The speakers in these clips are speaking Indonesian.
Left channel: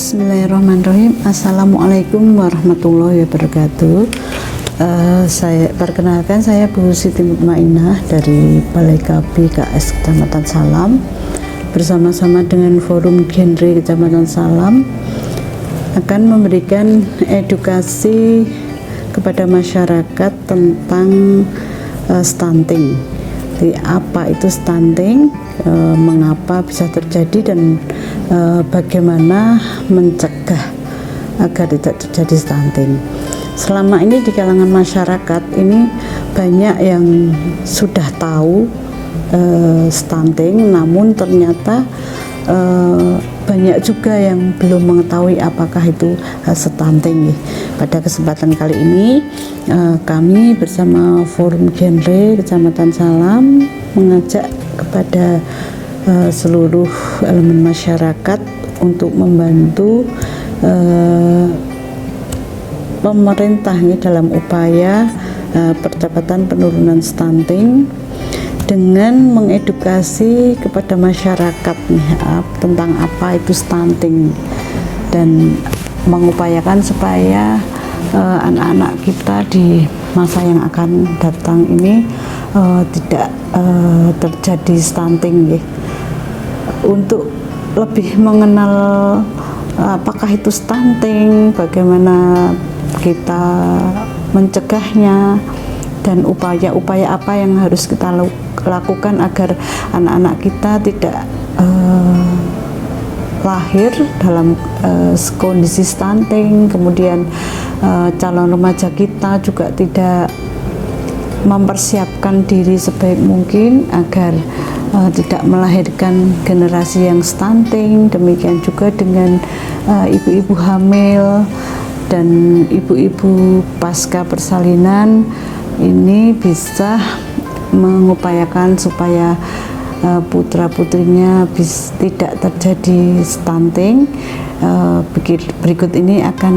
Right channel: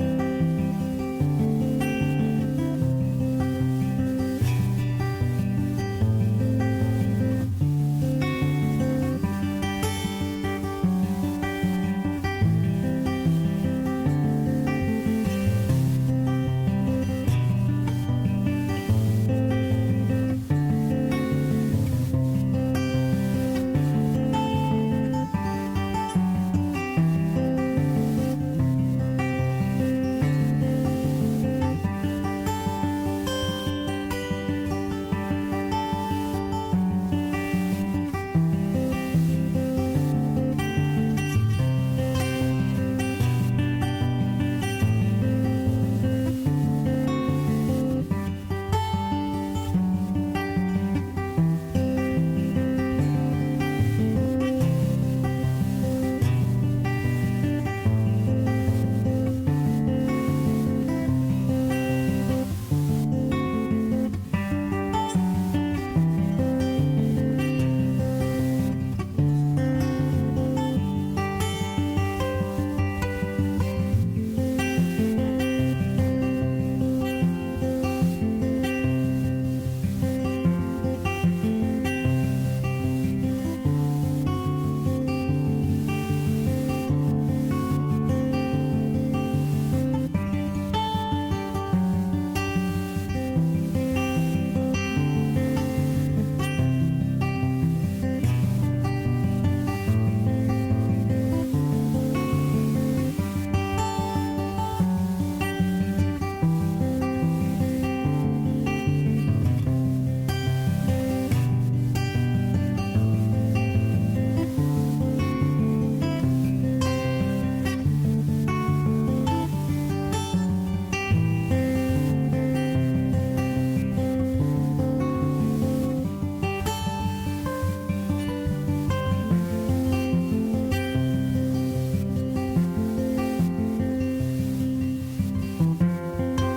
Bismillahirrahmanirrahim. Assalamualaikum warahmatullahi wabarakatuh. Saya perkenalkan, saya Bu Siti Mutmainah dari Balai KB KS Kecamatan Salam, bersama-sama dengan Forum Genre Kecamatan Salam akan memberikan edukasi kepada masyarakat tentang stunting. Jadi, apa itu stunting, mengapa bisa terjadi, dan bagaimana mencegah agar tidak terjadi stunting. Selama ini di kalangan masyarakat ini banyak yang sudah tahu stunting, namun ternyata banyak juga yang belum mengetahui apakah itu stunting. Pada kesempatan kali ini kami bersama Forum Genre Kecamatan Salam mengajak kepada seluruh elemen masyarakat untuk membantu pemerintah dalam upaya percepatan penurunan stunting dengan mengedukasi kepada masyarakat tentang apa itu stunting, dan mengupayakan supaya anak-anak kita di masa yang akan datang ini tidak terjadi stunting. Untuk lebih mengenal apakah itu stunting, bagaimana kita mencegahnya, dan upaya-upaya apa yang harus kita lakukan agar anak-anak kita tidak lahir dalam kondisi stunting. Kemudian calon remaja kita juga tidak mempersiapkan diri sebaik mungkin agar tidak melahirkan generasi yang stunting. Demikian juga dengan ibu-ibu hamil dan ibu-ibu pasca persalinan, ini bisa mengupayakan supaya putra-putrinya tidak terjadi stunting. Berikut ini akan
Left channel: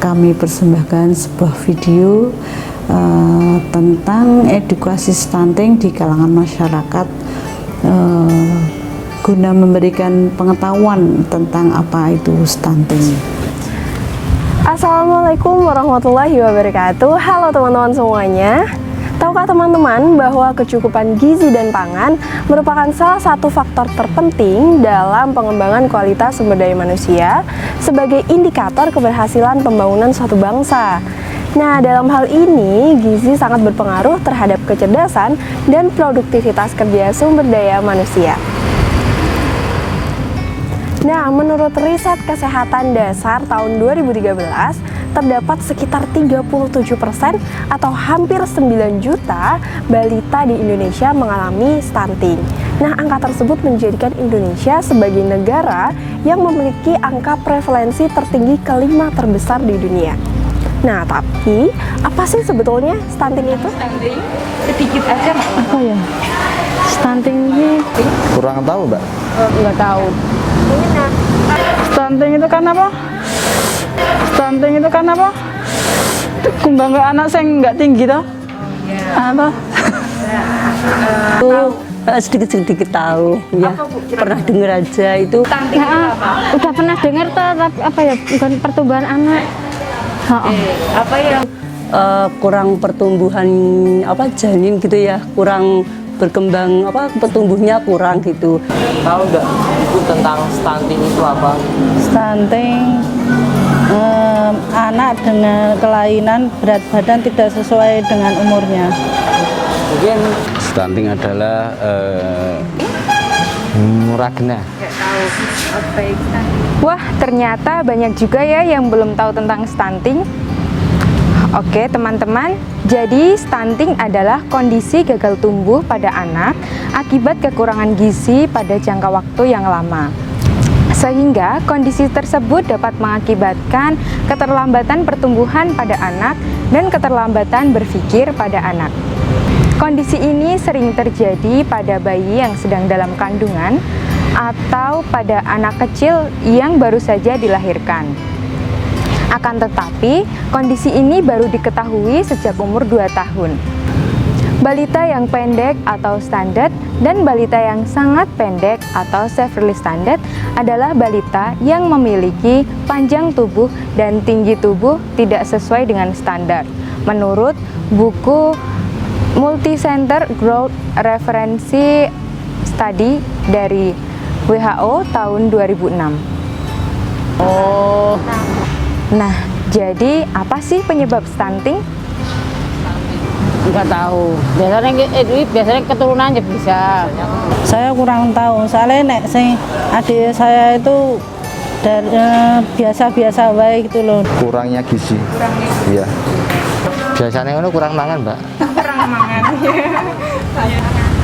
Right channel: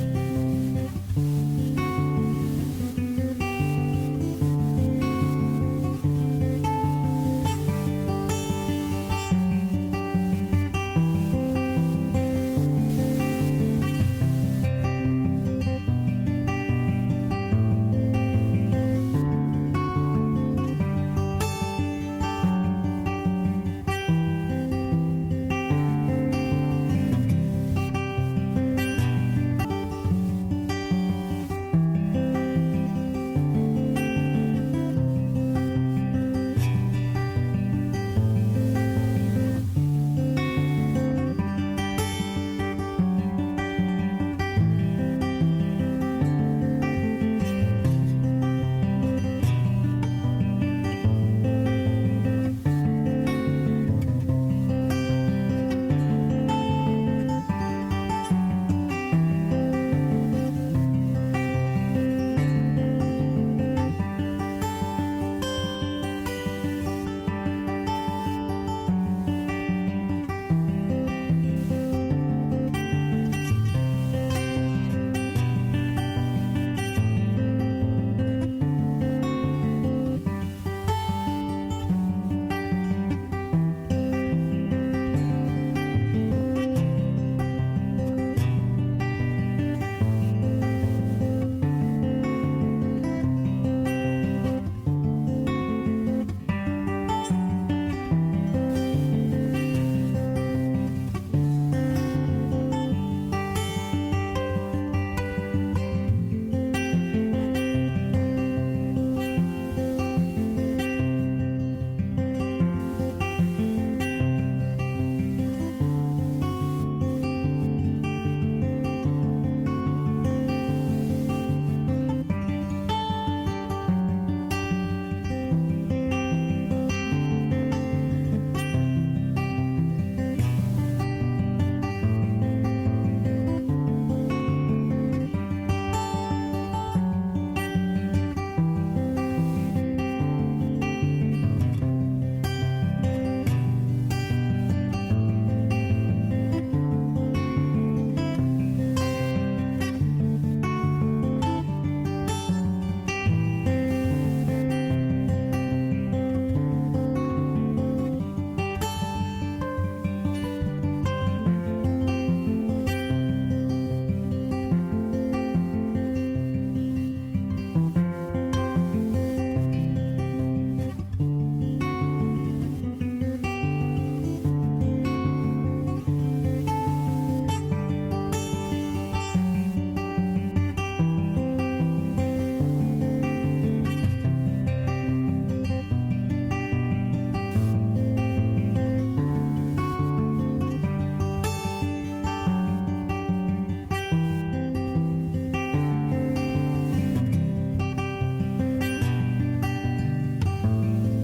kami persembahkan sebuah video tentang edukasi stunting di kalangan masyarakat, guna memberikan pengetahuan tentang apa itu stunting. Assalamualaikum warahmatullahi wabarakatuh. Halo teman-teman semuanya. Tahukah teman-teman bahwa kecukupan gizi dan pangan merupakan salah satu faktor terpenting dalam pengembangan kualitas sumber daya manusia sebagai indikator keberhasilan pembangunan suatu bangsa. Nah, dalam hal ini gizi sangat berpengaruh terhadap kecerdasan dan produktivitas kerja sumber daya manusia. Nah, menurut riset kesehatan dasar tahun 2013, terdapat sekitar 37% atau hampir 9 juta balita di Indonesia mengalami stunting. Nah, angka tersebut menjadikan Indonesia sebagai negara yang memiliki angka prevalensi tertinggi kelima terbesar di dunia. Nah, tapi apa sih sebetulnya stunting itu? Stunting sedikit aja Mbak. Apa ya? Stunting ini Kurang tahu, Mbak. nggak tahu. Stunting itu kan apa? Stunting itu kan apa? Kembang ke anak saya nggak tinggi toh? Apa? Sedikit-sedikit tahu ya, pernah dengar aja itu. Stunting itu apa? Udah pernah dengar tuh, tapi apa ya, bukan pertumbuhan anak. Apa yang Kurang pertumbuhan janin gitu ya, kurang berkembang pertumbuhnya kurang gitu. Tahu nggak Ibu tentang stunting itu apa? Stunting, anak dengan kelainan berat badan tidak sesuai dengan umurnya. Mungkin Stunting adalah muragna. Wah, ternyata banyak juga ya yang belum tahu tentang stunting. Oke teman-teman, jadi stunting adalah kondisi gagal tumbuh pada anak akibat kekurangan gizi pada jangka waktu yang lama. Sehingga kondisi tersebut dapat mengakibatkan keterlambatan pertumbuhan pada anak dan keterlambatan berpikir pada anak. Kondisi ini sering terjadi pada bayi yang sedang dalam kandungan atau pada anak kecil yang baru saja dilahirkan. Akan tetapi, kondisi ini baru diketahui sejak umur 2 tahun. Balita yang pendek atau standar dan balita yang sangat pendek atau severely standard adalah balita yang memiliki panjang tubuh dan tinggi tubuh tidak sesuai dengan standar. Menurut buku Multicenter Growth Reference Study dari WHO tahun 2006. Nah, jadi apa sih penyebab stunting? Enggak tahu. Biasanya keturunan aja bisa. Saya kurang tahu. Soalnya nek sing adik saya itu dari biasa-biasa baik gitu loh. Kurangnya gizi. Iya. Biasanya kurang mangan, Mbak.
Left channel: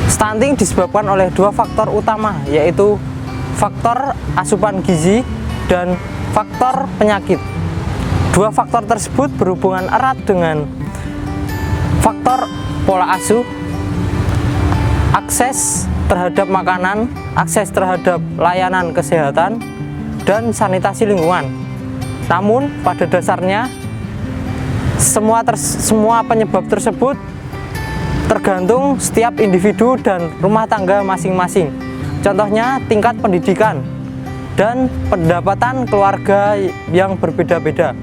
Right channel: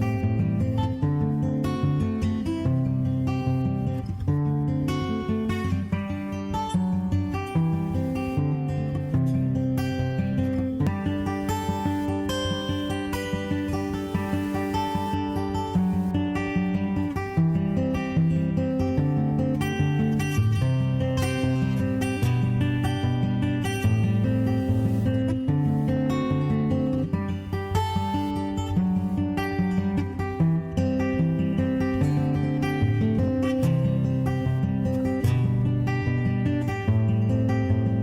Stunting disebabkan oleh dua faktor utama, yaitu faktor asupan gizi dan faktor penyakit. Dua faktor tersebut berhubungan erat dengan faktor pola asuh, akses terhadap makanan, akses terhadap layanan kesehatan, dan sanitasi lingkungan. Namun pada dasarnya semua penyebab tersebut tergantung setiap individu dan rumah tangga masing-masing. Contohnya tingkat pendidikan dan pendapatan keluarga yang berbeda-beda.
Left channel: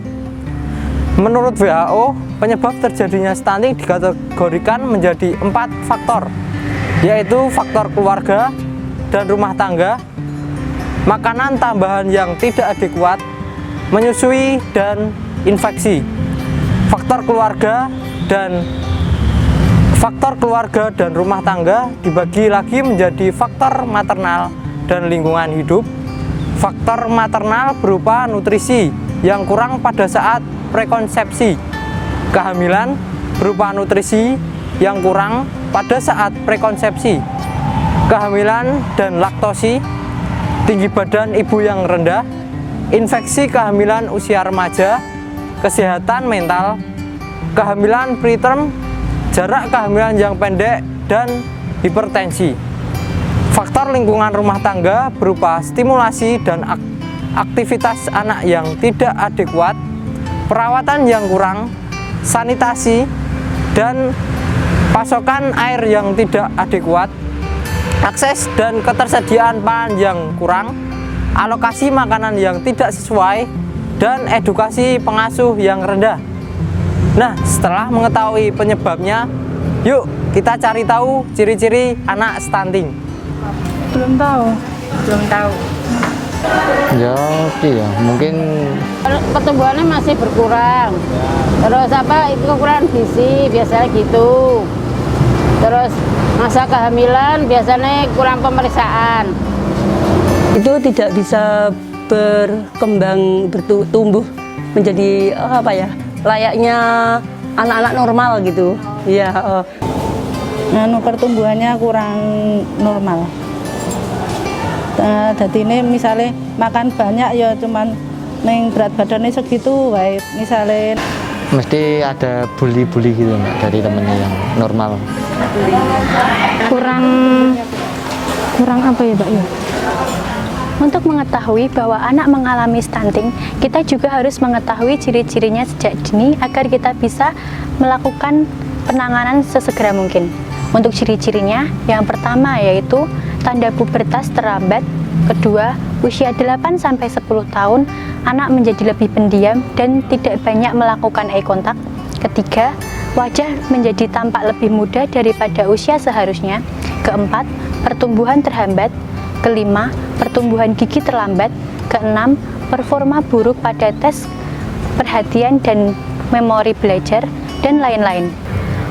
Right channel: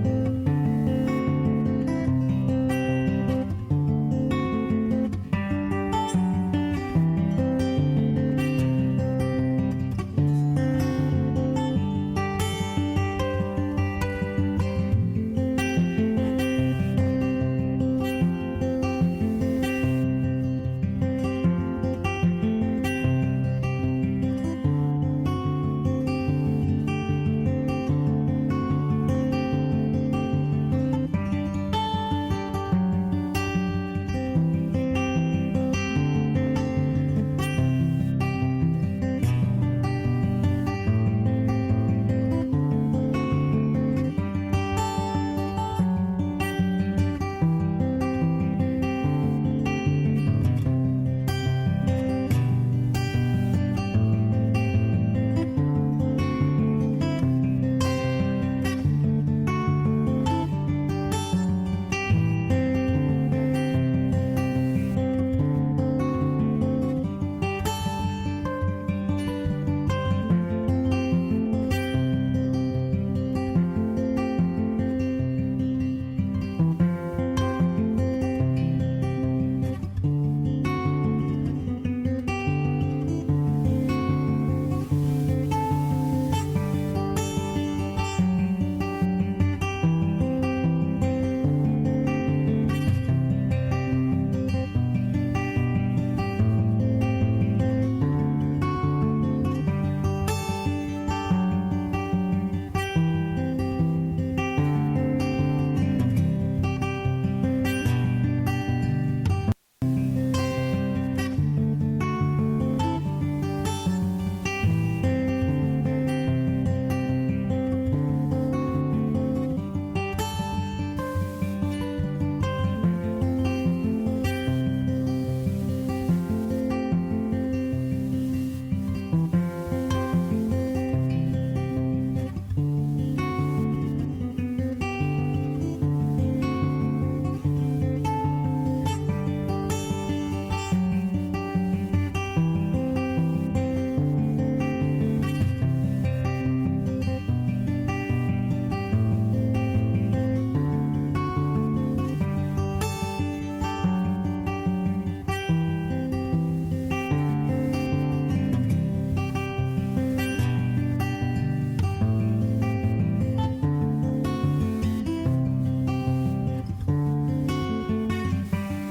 Menurut WHO, penyebab terjadinya stunting dikategorikan menjadi 4 faktor, yaitu faktor keluarga dan rumah tangga, makanan tambahan yang tidak adekuat, menyusui, dan infeksi. Faktor keluarga dan rumah tangga dibagi lagi menjadi faktor maternal dan lingkungan hidup. Faktor maternal berupa nutrisi yang kurang pada saat prekonsepsi, kehamilan berupa nutrisi yang kurang pada saat prekonsepsi, kehamilan dan laktosi, tinggi badan ibu yang rendah, infeksi kehamilan usia remaja, kesehatan mental, kehamilan preterm, jarak kehamilan yang pendek, dan hipertensi. Faktor lingkungan rumah tangga berupa stimulasi dan aktivitas anak yang tidak adekuat, perawatan yang kurang, sanitasi, dan pasokan air yang tidak adekuat, akses dan ketersediaan pangan yang kurang, alokasi makanan yang tidak sesuai, dan edukasi pengasuh yang rendah. Nah, setelah mengetahui penyebabnya, yuk kita cari tahu ciri-ciri anak stunting. Belum tahu. Ya, iya, mungkin Pertumbuhannya masih berkurang. Terus itu kekurangan gizi biasanya gitu. Terus masa kehamilan biasanya kurang pemeriksaan. Itu tidak bisa berkembang, bertumbuh menjadi layaknya anak-anak normal gitu. Iya. Pertumbuhannya kurang normal. Jadi ini misalnya makan banyak ya cuman neng berat badannya segitu, baik misalnya. mesti ada bully-bully gitu, Mbak, dari temennya yang normal. Kurang apa ya, Mbak ya? Untuk mengetahui bahwa anak mengalami stunting, kita juga harus mengetahui ciri-cirinya sejak dini agar kita bisa melakukan penanganan sesegera mungkin. Untuk ciri-cirinya, yang pertama yaitu tanda pubertas terlambat, kedua, usia 8-10 tahun, anak menjadi lebih pendiam dan tidak banyak melakukan eye contact, ketiga, wajah menjadi tampak lebih muda daripada usia seharusnya, keempat, pertumbuhan terhambat, kelima, pertumbuhan gigi terlambat, keenam, performa buruk pada tes perhatian dan memori belajar, dan lain-lain.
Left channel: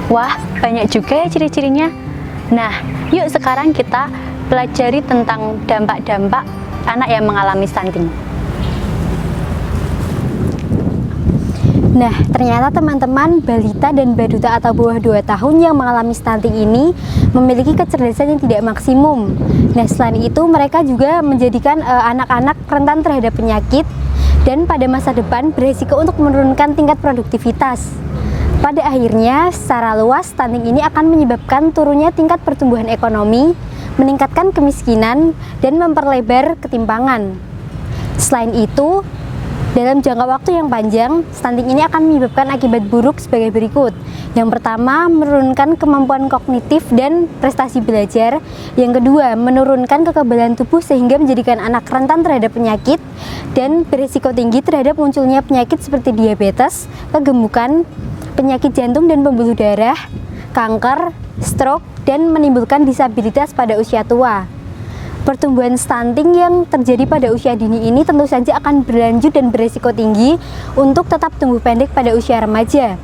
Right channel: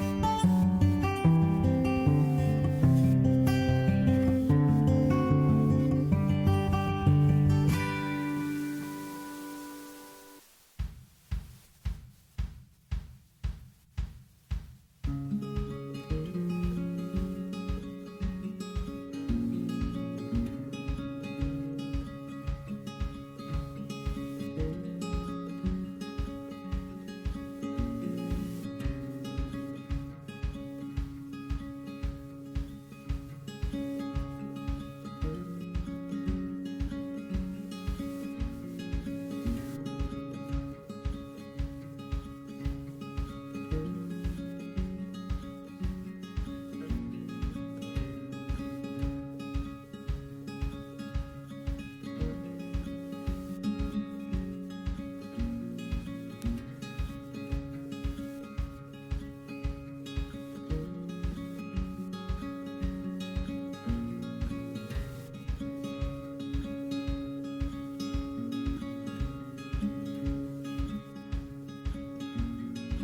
Wah, banyak juga ya ciri-cirinya. Nah, yuk sekarang kita pelajari tentang dampak-dampak anak yang mengalami stunting. Nah, ternyata teman-teman balita dan baduta atau bawah 2 tahun yang mengalami stunting ini memiliki kecerdasan yang tidak maksimum. Nah, selain itu mereka juga menjadikan anak-anak rentan terhadap penyakit dan pada masa depan berisiko untuk menurunkan tingkat produktivitas. Pada akhirnya, secara luas stunting ini akan menyebabkan turunnya tingkat pertumbuhan ekonomi, meningkatkan kemiskinan, dan memperlebar ketimpangan. Selain itu, dalam jangka waktu yang panjang, stunting ini akan menyebabkan akibat buruk sebagai berikut, Yang pertama, menurunkan kemampuan kognitif dan prestasi belajar. Yang kedua, menurunkan kekebalan tubuh sehingga menjadikan anak rentan terhadap penyakit dan berisiko tinggi terhadap munculnya penyakit seperti diabetes, kegemukan, penyakit jantung dan pembuluh darah, kanker, stroke, dan menimbulkan disabilitas pada usia tua. Pertumbuhan stunting yang terjadi pada usia dini ini tentu saja akan berlanjut dan berisiko tinggi untuk tetap tumbuh pendek pada usia remaja.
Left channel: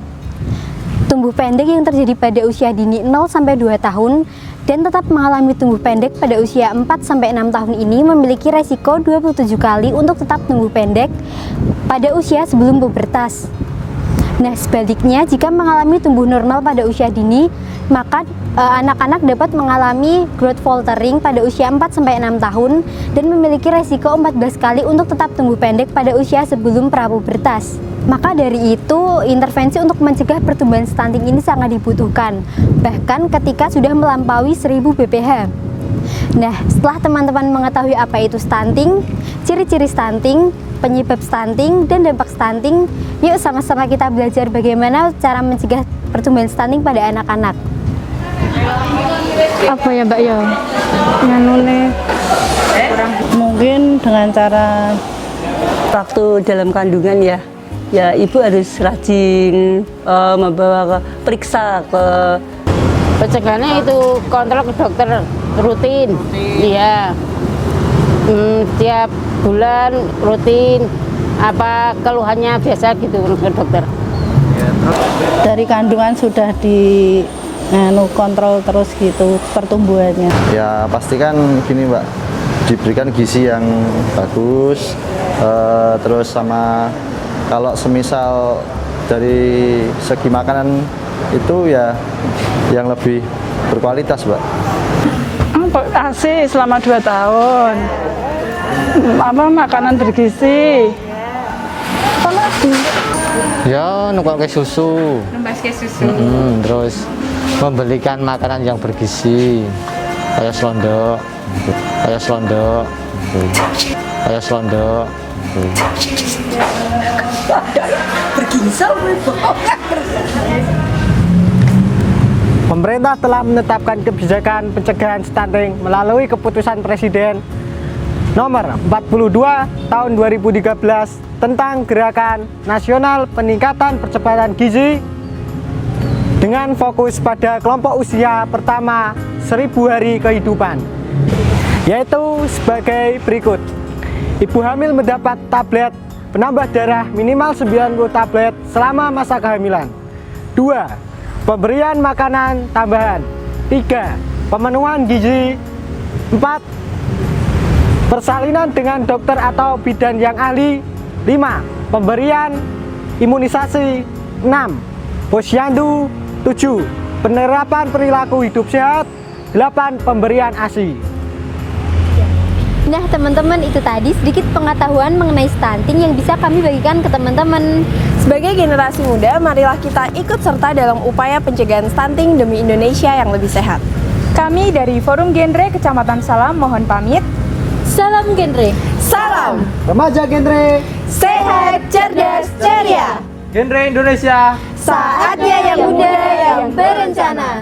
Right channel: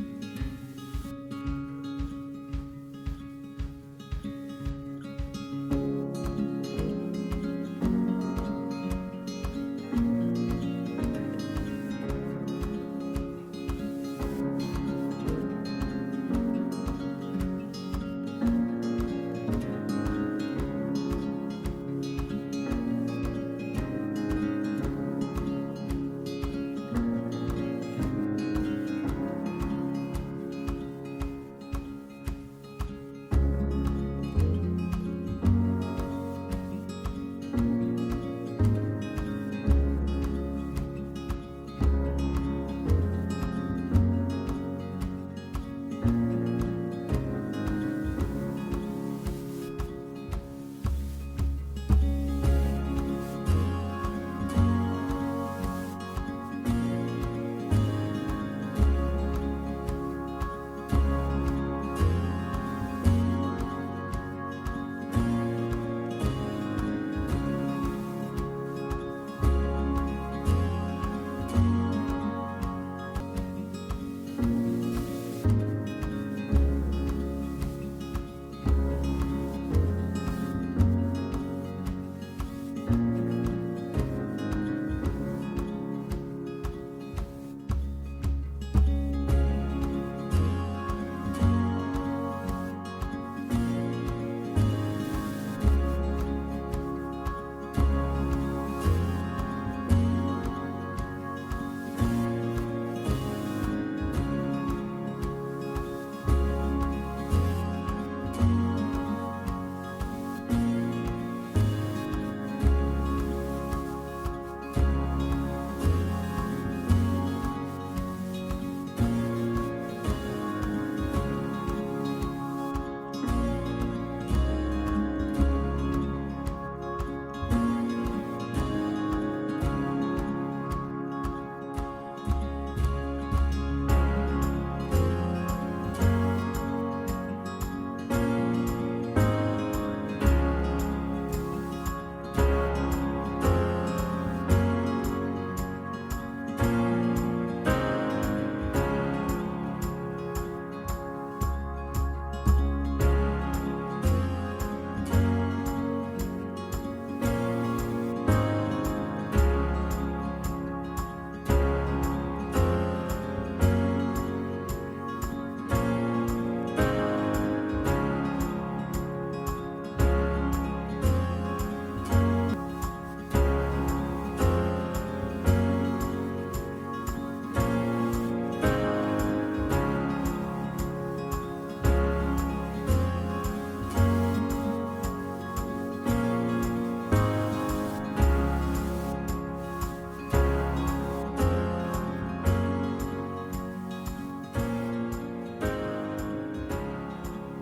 Tumbuh pendek yang terjadi pada usia dini 0-2 tahun dan tetap mengalami tumbuh pendek pada usia 4-6 tahun ini memiliki resiko 27 kali untuk tetap tumbuh pendek pada usia sebelum pubertas. Nah, sebaliknya jika mengalami tumbuh normal pada usia dini, maka anak-anak dapat mengalami growth faltering pada usia 4-6 tahun dan memiliki resiko 14 kali untuk tetap tumbuh pendek pada usia sebelum prapubertas. Maka dari itu, intervensi untuk mencegah pertumbuhan stunting ini sangat dibutuhkan, bahkan ketika sudah melampaui 1000 bph. Nah, setelah teman-teman mengetahui apa itu stunting, ciri-ciri stunting, penyebab stunting, dan dampak stunting, yuk sama-sama kita belajar bagaimana cara mencegah pertumbuhan stunting pada anak-anak. Apa ya Mbak ya? Nganune Mungkin dengan cara waktu dalam kandungan ya ibu harus rajin membawa ke periksa ke Pencegahannya itu kontrol ke dokter rutin. Iya. Tiap bulan rutin. Apa keluhannya biasa gitu ke dokter. dari kandungan sudah di kontrol terus gitu pertumbuhannya. Ya pastikan gini Mbak, diberikan gizi yang bagus, terus sama kalau semisal dari segi makanan itu ya yang lebih berkualitas Mbak. ASI selama 2 tahun, makanan bergizi, apa lagi? Ya, numpang ke susu. Terus membelikan makanan yang bergizi, kayak selondok, Pemerintah telah menetapkan kebijakan pencegahan stunting melalui keputusan Presiden nomor 42 tahun 2013 tentang Gerakan Nasional Peningkatan Percepatan Gizi dengan fokus pada kelompok usia pertama 1000 hari kehidupan, yaitu sebagai berikut. Ibu hamil mendapat tablet penambah darah minimal 90 tablet selama masa kehamilan. 2. Pemberian makanan tambahan. 3. Pemenuhan gizi. 4. Persalinan dengan dokter atau bidan yang ahli. 5. Pemberian imunisasi. 6. Posyandu. 7. Penerapan perilaku hidup sehat. 8. Pemberian ASI. Nah teman-teman, itu tadi sedikit pengetahuan mengenai stunting yang bisa kami bagikan ke teman-teman. Sebagai generasi muda, marilah kita ikut serta dalam upaya pencegahan stunting demi Indonesia yang lebih sehat. Kami dari Forum Genre Kecamatan Salam mohon pamit. Salam genre. Salam! Remaja Genre. Sehat, cerdas, ceria! Genre Indonesia. Saatnya yang muda yang berencana.